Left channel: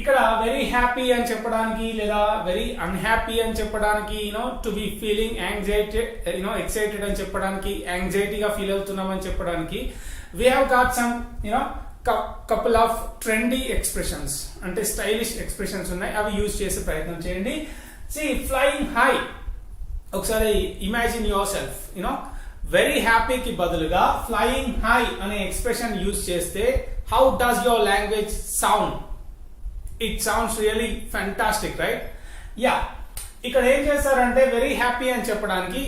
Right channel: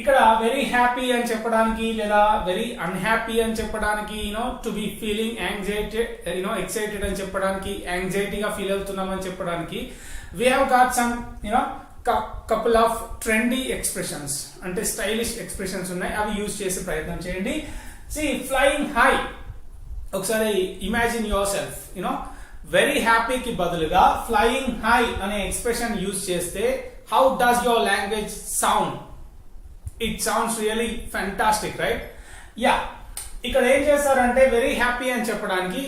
ఇక్కడ very happy అని చెప్పడానికి లేదా వెరీ అన్హ్యాపీ అని చెప్పడానికి to be feeling anxiety excited అని చెప్పడానికి యాంగ్జైటీగా ఫీల్ అవుతున్నాం అని చెప్పడానికి we have got some couple of trendy expressions అంటే స్టైలిష్ ఎక్స్ప్రెషన్స్ ఉన్నాయి, అవి యూజ్ చేసే ప్రయత్నం చేయండి. సి ఫ్లయింగ్ హై, ఒకసారి ఇమాజిన్ యువర్ సెల్ఫ్ వెరీ హ్యాపీకి బదులుగా ఫ్లయింగ్ హై అనే ఎక్స్ప్రెషన్ యూజ్ చేస్తే how does your language sound? It sounds really fantastic, right? Yeah, ఇక్కడ ఏం చేస్తారంటే వెరీ హ్యాపీ అని చెప్పడానికి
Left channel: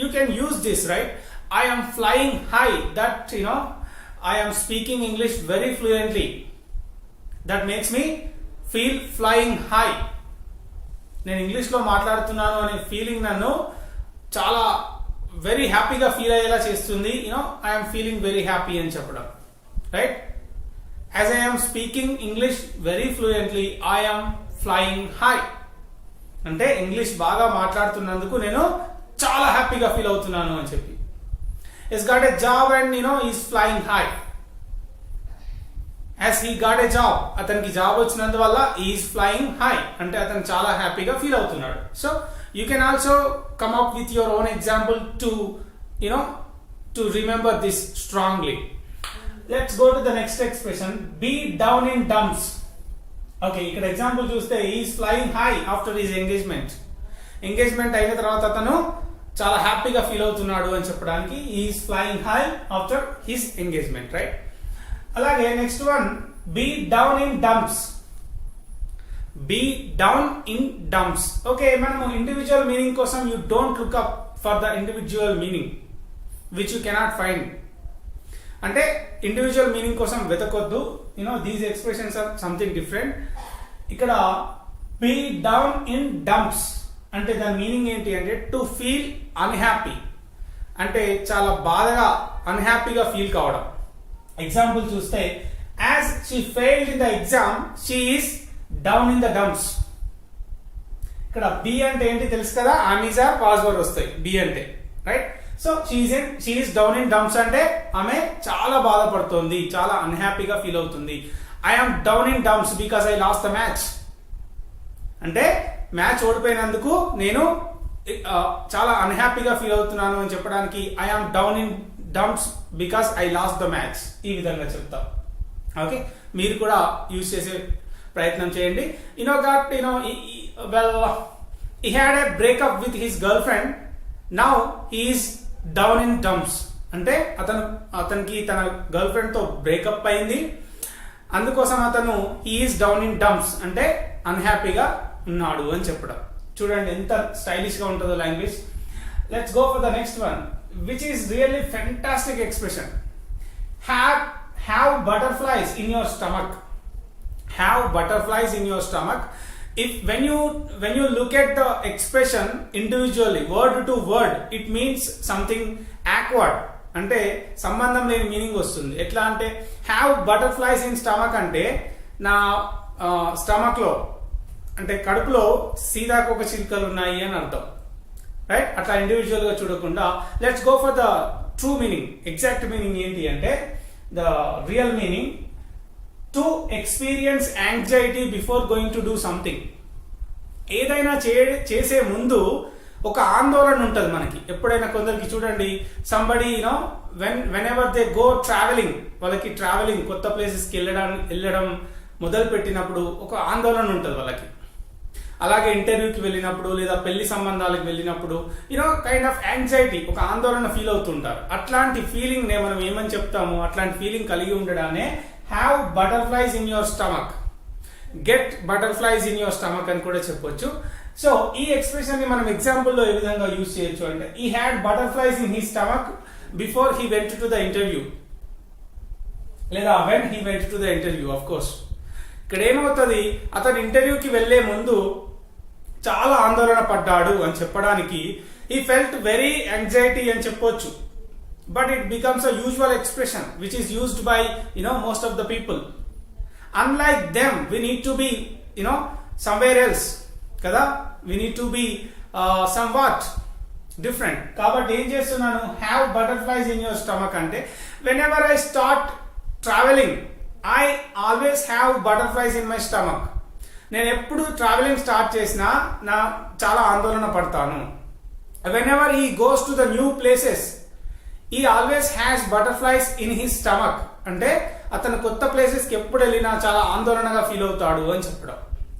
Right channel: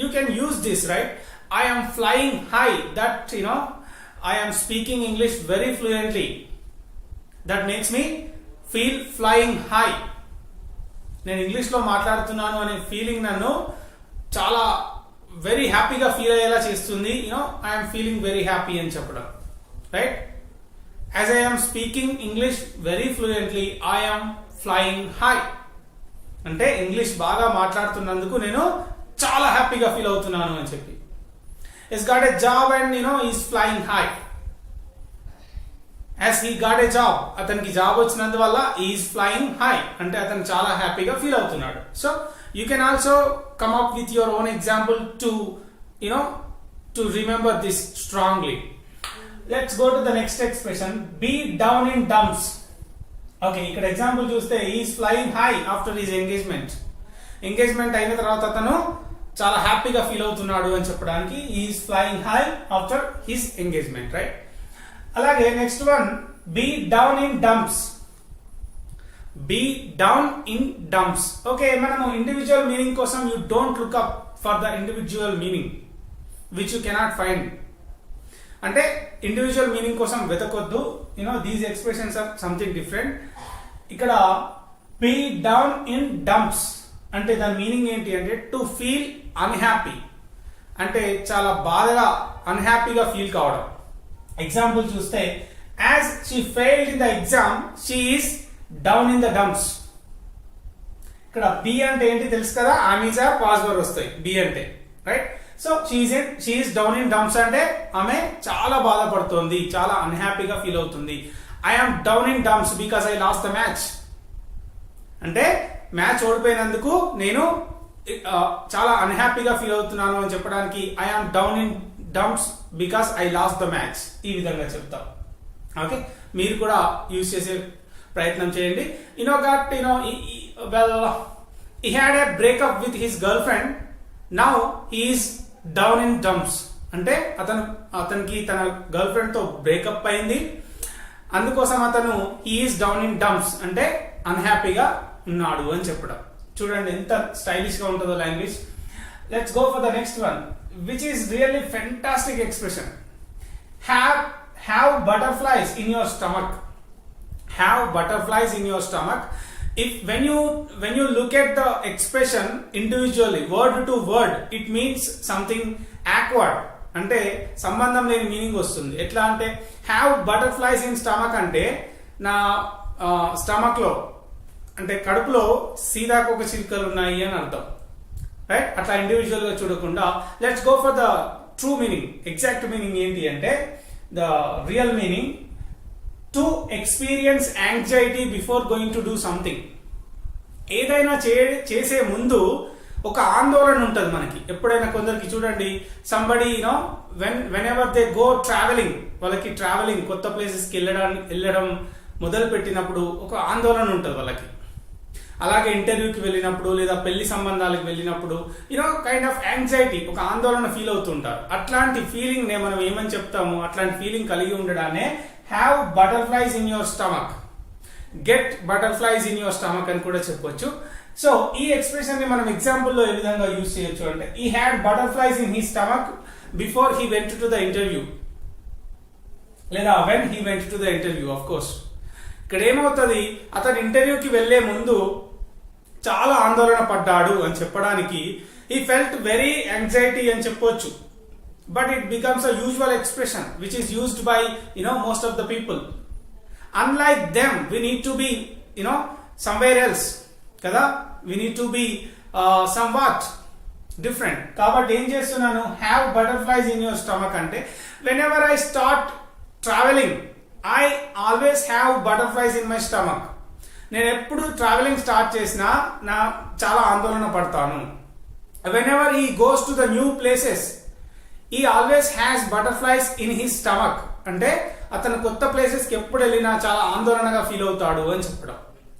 you can use this, right? I am flying high, that I am speaking English very fluently, that makes me feel flying high. నేను English లో మాట్లాడుతున్నాను అనే feeling నన్ను చాలా వెరీ హ్యాపీగా ఫీల్ అయ్యేలా చేస్తుంది. I am feeling very happy అని చెప్పడం, right? As I am speaking English very fluently, I am flying high. అంటే ఇంగ్లీష్ బాగా మాట్లాడుతున్నందుకు నేను చాలా హ్యాపీగా ఫీల్ అవుతున్నాను అని చెప్పి. He's got a job and he's flying high. As he got a job, అతనికి జాబ్ వచ్చినందువల్ల he's flying high అంటే అతను చాలా హ్యాపీగా ఫీల్ అవుతున్నాడు. So you can also come up with your own example to remember this strongly. Let's go to the next expression, be down in dumps. Okay, ఇక్కడ example చూస్తే is flying high after his engagement అయిన తర్వాత అతను చాలా హ్యాపీగా feel అవుతున్నాడు అని చెప్పడానికి is flying high after his engagement, right? అలాగే next one, be down in dumps. Be down in dumps. Okay, మనము ఇండివిజువల్ మీనింగ్ కోసం you don't look up for the individual meaning which you cannot find. అంటే individual meaning కోసం వెతకొద్దు. These expressions are something different. ఇక్కడ be down in dumps అంటే దాని meaning ఏంటి అంటే టు ఫీల్ అన్హ్యాపీ, అంటే చాలా బాధగా అన్హ్యాపీగా ఫీల్ కావడం. ఎగ్జాంపుల్ చూస్తే as she failed in the exam she is down in the dumps. ఇక్కడ బి అంటే ఏంటి తెలుసు కదా, ఆమెజ్ ఆర్ పాజిటివ్ వస్తాయి బి అంటే, right? So she is down in dumps అంటే ఆమె చాలా బాధపడుతోంది, చాలా అన్హ్యాపీగా ఫీల్ అవుతుంది. I am down in dumps because I last the match అంటే మ్యాచ్ ఓడిపోయినందుకు నేను చాలా అన్హ్యాపీగా ఫీల్ అవుతున్నాను అని చెప్పడానికి I am down in dumps because I last the match. ఈ విధంగా చెప్తాం. ఓకే, మీరు కూడా యూజ్ చేసే ప్రయత్నం చేయండి. he had a breakup with his girlfriend, now he is down in dumps అంటే అతనికి తన గర్ల్ ఫ్రెండ్ తో బ్రేకప్ అయింది, అందుకోసం అతను he is down in dumps అంటే అన్హ్యాపీగా ఉన్నాడు అని చెప్పడం. చూడండి ఎంత స్టైలిష్ గా ఉంటుందో language. Let's go for the next one which is really fantastic expression, have butterflies in your stomach. Have butterflies in your stomach. If when you look at the expression individually, word to word, it means something awkward. అంటే సంబంధం లేని meaning వస్తుంది. ఎట్లా అంటే have butterflies in stomach అంటే నా stomach లో అంటే కడుపులో సీతాకోక చిలుకలు ఉన్నాయి అని అర్థం, రైట్? అట్లా ఇండివిజువల్ గా చూడకుండా let's go for the true meaning. Exact meaning ఏంటి అంటే the real meaning, to experience anxiety before going to do something. ఏదైనా చేసే ముందు ఒక ఆందోళన ఉంటుంది మనకి. ఎప్పుడైనా కొందరికి చూడండి, somebody when ever they go travelling, వాళ్ళకి ట్రావెలింగ్ కొత్త ప్లేసెస్కి వెళ్ళడం మొదలు పెట్టినప్పుడు ఒక ఆందోళన ఉంటుంది వాళ్ళకి. అలాగే ఇంటర్వ్యూకి వెళ్ళినప్పుడు లేదా పెళ్లి సంబంధాలకు వెళ్ళినప్పుడు కైండ్ ఆఫ్ యాంగ్జైటీ, ఒక ఆందోళన ఫీల్ అవుతుంటారు. అట్లాంటి ఫీలింగ్ నే మనం ఏమని చెప్తాము, అట్లాంటి ఫీలింగ్ కలిగి ఉండడానే have butterflies in your stomach, get butterflies in your stomach అని కూడా చెప్పొచ్చు. సో ఈ ఎక్స్ప్రెషన్ ని మనం ఎగ్జాంపుల్ లో ఏ విధంగా యూజ్ చేయొచ్చు అంటే ఈ had butterflies in he stomach before he went to the interview లేదా when he went to the interview. Of course ఇక్కడ ఏమవుతుంది, అతను ఇంటర్వ్యూకి వెళ్లే ముందు చాలా ఆందోళన పడ్డాడు అని చెప్పడానికి హీ ఫెల్ట్ వెరీ యాంగ్జైటీ అని చెప్పొచ్చు. But it becomes a usual expression which is used by most of the people. Unlike them, we need to be somewhere else kada, we need to be somewhat different. Kabatti em chestunnanu, have butterflies in your stomach ante whenever I start traveling I always have butterflies in my stomach. నేను ఎప్పుడు travelling start చేసినా నా చాలా ఆందోళన పడతాను. Whenever he goes to the new places he always has butterflies in his stomach. అంటే అతను కొత్త ప్లేసెస్ కి ఎప్పుడు వెళ్ళినా చాలా ఆందోళనగా ఫీల్ అవుతాడు అని చెప్పడం.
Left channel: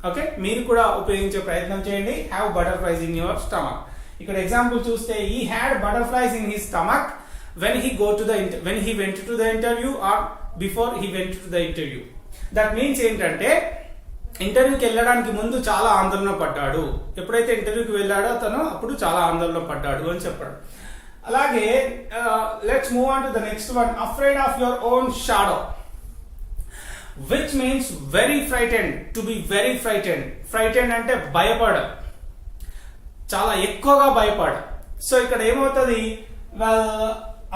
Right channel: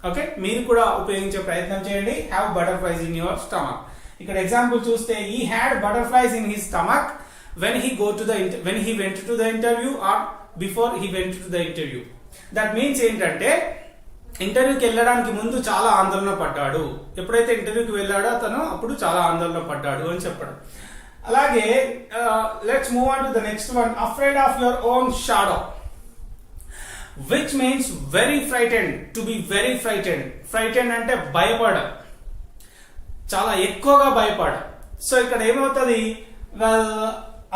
ఓకే, మీరు కూడా ఉపయోగించే ప్రయత్నం చేయండి. Have butterflies in your stomach. ఇక్కడ ఎగ్జాంపుల్ చూస్తే he had butterflies in his stomach when he went to the interview or before he went to the interview. That means ఏంటంటే ఇంటర్వ్యూకి వెళ్ళడానికి ముందు చాలా ఆందోళన పడ్డాడు, ఎప్పుడైతే ఇంటర్వ్యూకి వెళ్ళాడో అతను అప్పుడు చాలా ఆందోళన పడ్డాడు అని చెప్పడం. అలాగే let's move on to the next one, afraid of your own shadow, which means very frightened, to be very frightened. Frightened అంటే భయపడ, చాలా ఎక్కువగా భయపడ. సో ఇక్కడ ఏమవుతుంది,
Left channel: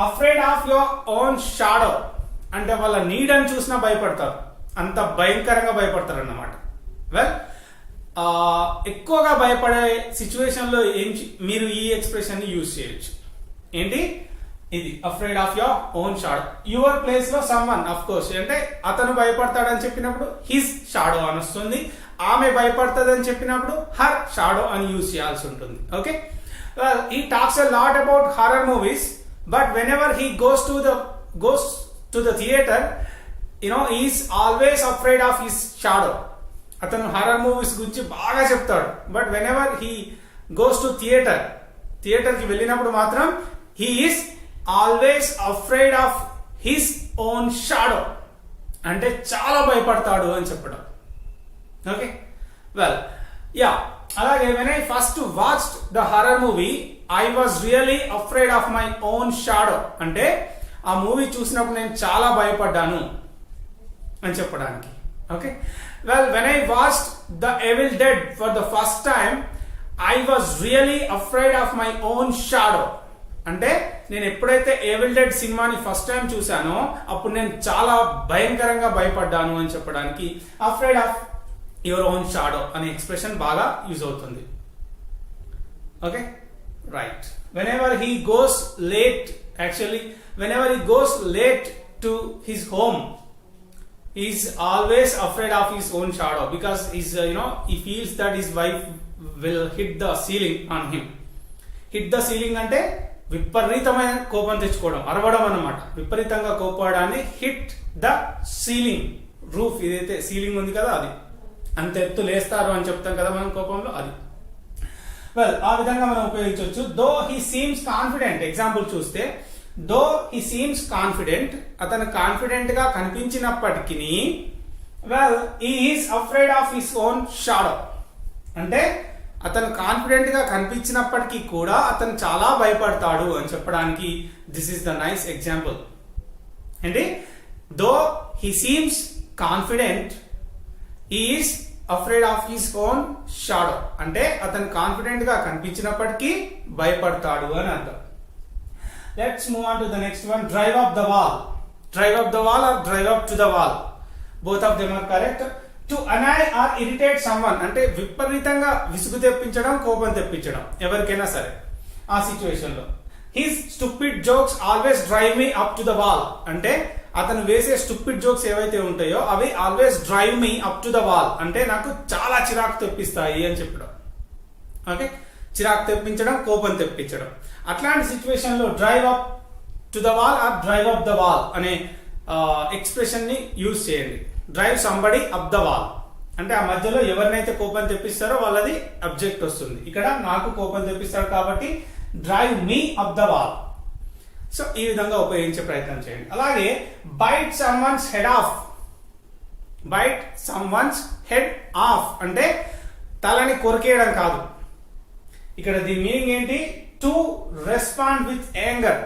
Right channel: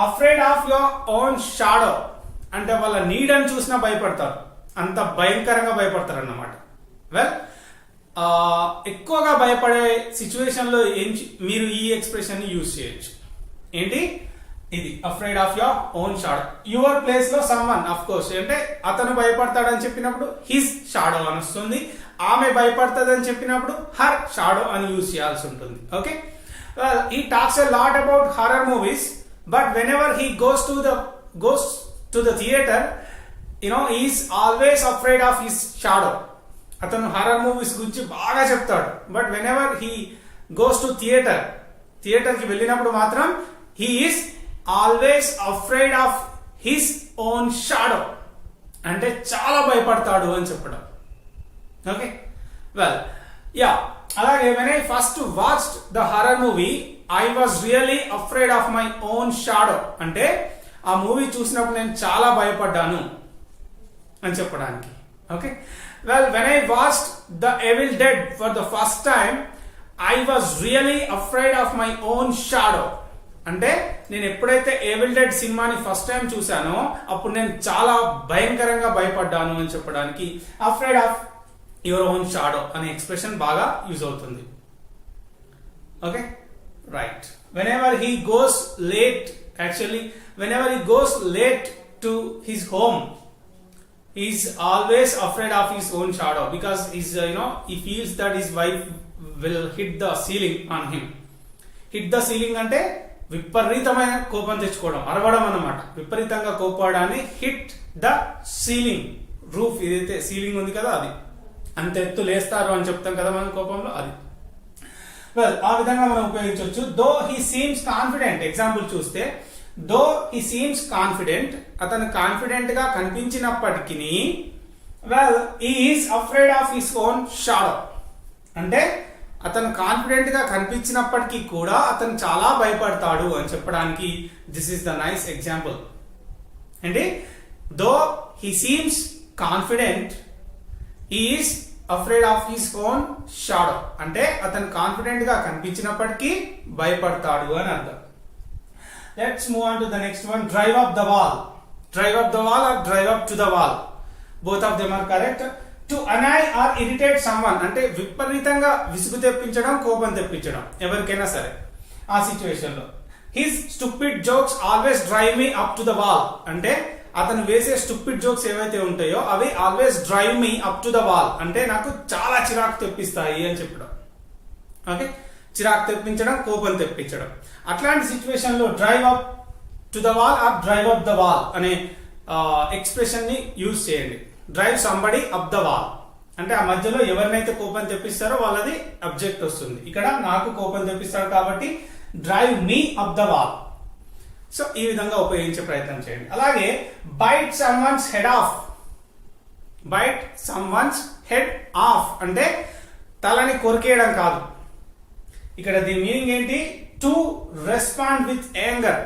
afraid of your own shadow అంటే వాళ్ళ నీడని చూసినా భయపడతారు, అంత భయంకరంగా భయపడతారు అన్నమాట. ఎక్కువగా భయపడే సిచ్యువేషన్ లో మీరు ఈ ఎక్స్ప్రెషన్ ని యూజ్ చేయొచ్చు. ఏంటి ఇది, afraid of your own shadow. Your place లో సమ్వన్, అఫ్ కోర్స్ అంటే అతను భయపడతాడని చెప్పినప్పుడు హిస్ షాడో అని వస్తుంది, ఆమె భయపడుతుందని చెప్పినప్పుడు హర్ షాడో అని యూజ్ చేయాల్సి ఉంటుంది. Okay, he talks a lot about horror movies, but whenever he goes to the theater, he is always afraid of his shadow. అతను హారర్ మూవీస్ గురించి బాగా చెప్తాడు, but whenever he goes to theater కి వెళ్ళినప్పుడు మాత్రం he is always afraid of his own shadow అంటే చాలా భయపడతాడు అని చెప్పడం. ఓకే, అలాగే when I first watched the horror movie, I was really afraid of my own shadow అంటే ఆ మూవీ చూసినప్పుడు నేను చాలా భయపడ్డాను అని చెప్పడానికి. Okay, when I watched The Evil Dead for the first time, I was really afraid of my own shadow అంటే నేను ఎప్పుడైతే ఏవిల్ డెడ్ సినిమాని ఫస్ట్ టైం చూసానో అప్పుడు నేను చాలా భయంకరంగా భయపడ్డాను అని చెప్పడానికి afraid of your own shadow అనే ఎక్స్ప్రెషన్ బాగా యూజ్ అవుతుంది. Okay, right. whenever he goes late to his home, he is always afraid of his own shadow because he feels that his wife will hit the ceiling on him. hit the ceiling అంటే విపరీతమైన కోపం తెచ్చుకోవడం, అరవడం అన్నమాట. విపరీతంగా కోపడాన్ని hit the ceiling, roof ఏదైతే ceiling ఉంది కదా అది అంత ఎత్తు లేస్తారు అని చెప్తాం కదా మనం కోపంలో, అది. ఆ విధంగా మనం ఉపయోగించవచ్చు. Though he seems confident, example చూస్తే దో హీ సీమ్స్ కాన్ఫిడెంట్, అతను కాన్ఫిడెంట్ గా కనిపించినప్పటికీ he is afraid of his own shadow అంటే అతను కాన్ఫిడెంట్ గా కనిపించినప్పటికీ కూడా అతను చాలా భయపడతాడు అని చెప్పడానికి this is the nice example. ఏంటి, though he seems confident is afraid of his own shadow అంటే అతను కాన్ఫిడెంట్ గా కనిపించినప్పటికీ భయపడతాడు అని అర్థం. Let's move on to the next one, drive up the wall. Drive up the wall or drive up to the wall, both of them are correct. To annoy or irritate someone అంటే విపరీతంగా విసుగు తెప్పించడం, కోపం తెప్పించడం ఎవరికైనా సరే ఆ situation లో. His stupid jokes always drive me up to the wall అంటే అతను వేసే స్టూపిడ్ జోక్స్ ఏవైతే ఉంటాయో అవి always drive me up to the wall అంటే నాకు చాలా చిరాకు తెప్పిస్తాయి అని చెప్పడం. ఓకే, చిరాకు తెప్పించడం, కోపం తెప్పించడం. అట్లాంటి సిచ్యువేషన్ లో drive up to the wall or drive up the wall అనే ఎక్స్ప్రెషన్ ని యూజ్ చేయండి. Drive somebody up the wall అంటే ఆ మధ్యలో ఎవరినైతే కోపం తెప్పిస్తారో వాళ్ళది అబ్జెక్ట్ వస్తుంది. ఇక్కడ నాకు కోపం తెప్పిస్తాడు కాబట్టి drive me up the wall. So ఈ విధంగా ఉపయోగించే ప్రయత్నం చేయండి. అలాగే bite someone's head off, bite someone's head off అంటే తలని కొరికేయడం కాదు. ఇక్కడ దీని మీనింగ్ ఏంటి, to respond with anger.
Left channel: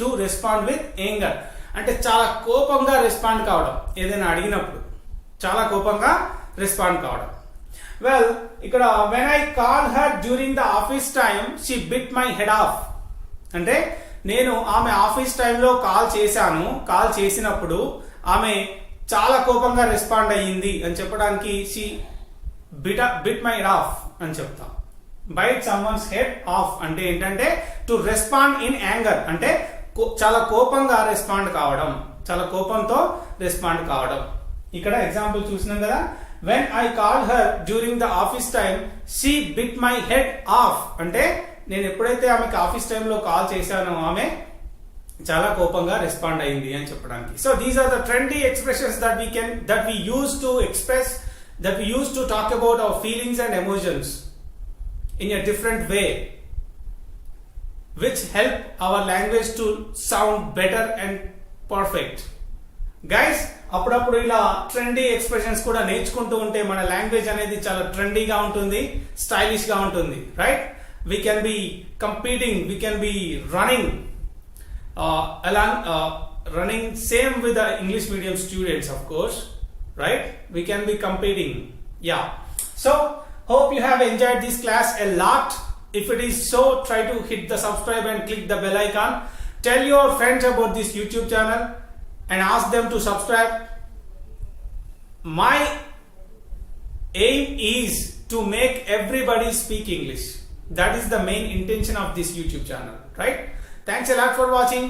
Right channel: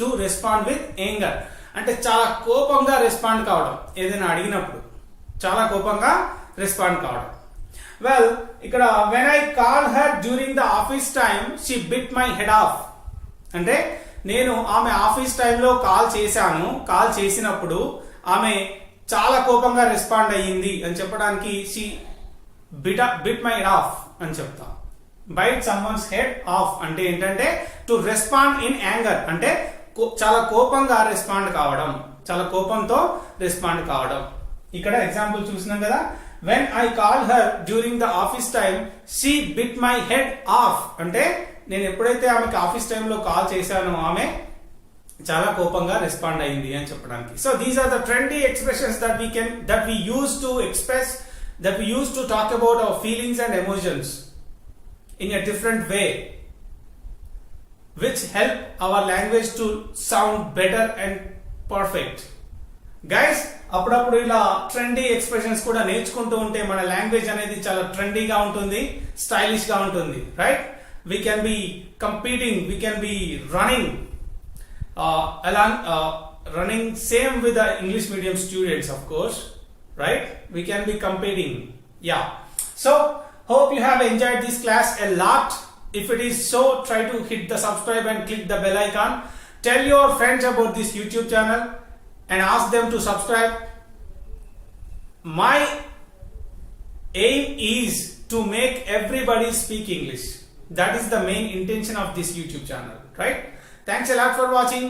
To respond with anger అంటే చాలా కోపంగా రెస్పాండ్ కావడం, ఏదైనా అడిగినప్పుడు చాలా కోపంగా రెస్పాండ్ కావడం. ఇక్కడ when I call her during the office time she bit my head off అంటే నేను ఆమె ఆఫీస్ టైంలో కాల్ చేశాను, కాల్ చేసినప్పుడు ఆమె చాలా కోపంగా రెస్పాండ్ అయ్యింది అని చెప్పడానికి she bit my head of అని చెప్తాం. బైట్ సమ్వన్స్ హెడ్ ఆఫ్ అంటే ఏంటంటే టు రెస్పాండ్ ఇన్ యాంగర్ అంటే చాలా కోపంగా రెస్పాండ్ కావడం, చాలా కోపంతో రెస్పాండ్ కావడం. ఇక్కడ ఎగ్జాంపుల్ చూసినాం కదా, when I called her during the office time, she bit my head off. అంటే నేను ఎప్పుడైతే ఆమెకి ఆఫీస్ టైంలో కాల్ చేశానో ఆమె చాలా కోపంగా రెస్పాండ్ అయింది అని చెప్పడానికి. So these are the trendy expressions that we use to express, that we use to talk about our feelings and emotions in a different way, which help our language to sound better and perfect. Guys, అప్పుడప్పుడు ఇలా trendy expressions కూడా నేర్చుకుంటూ ఉంటే మన language అనేది చాలా ట్రెండీగా ఉంటుంది, స్టైలిష్ గా ఉంటుంది, right? We can be competing, we can be running running same with the English medium students, of course, right? We can be competing. Yeah. So hope you have enjoyed this class a lot. If it is so, try to hit the subscribe and click the bell icon. Tell your friends about this YouTube channel and ask them to subscribe. My aim is to make everybody speak English. That is the main intention of this YouTube channel, right? Thanks a lot for watching.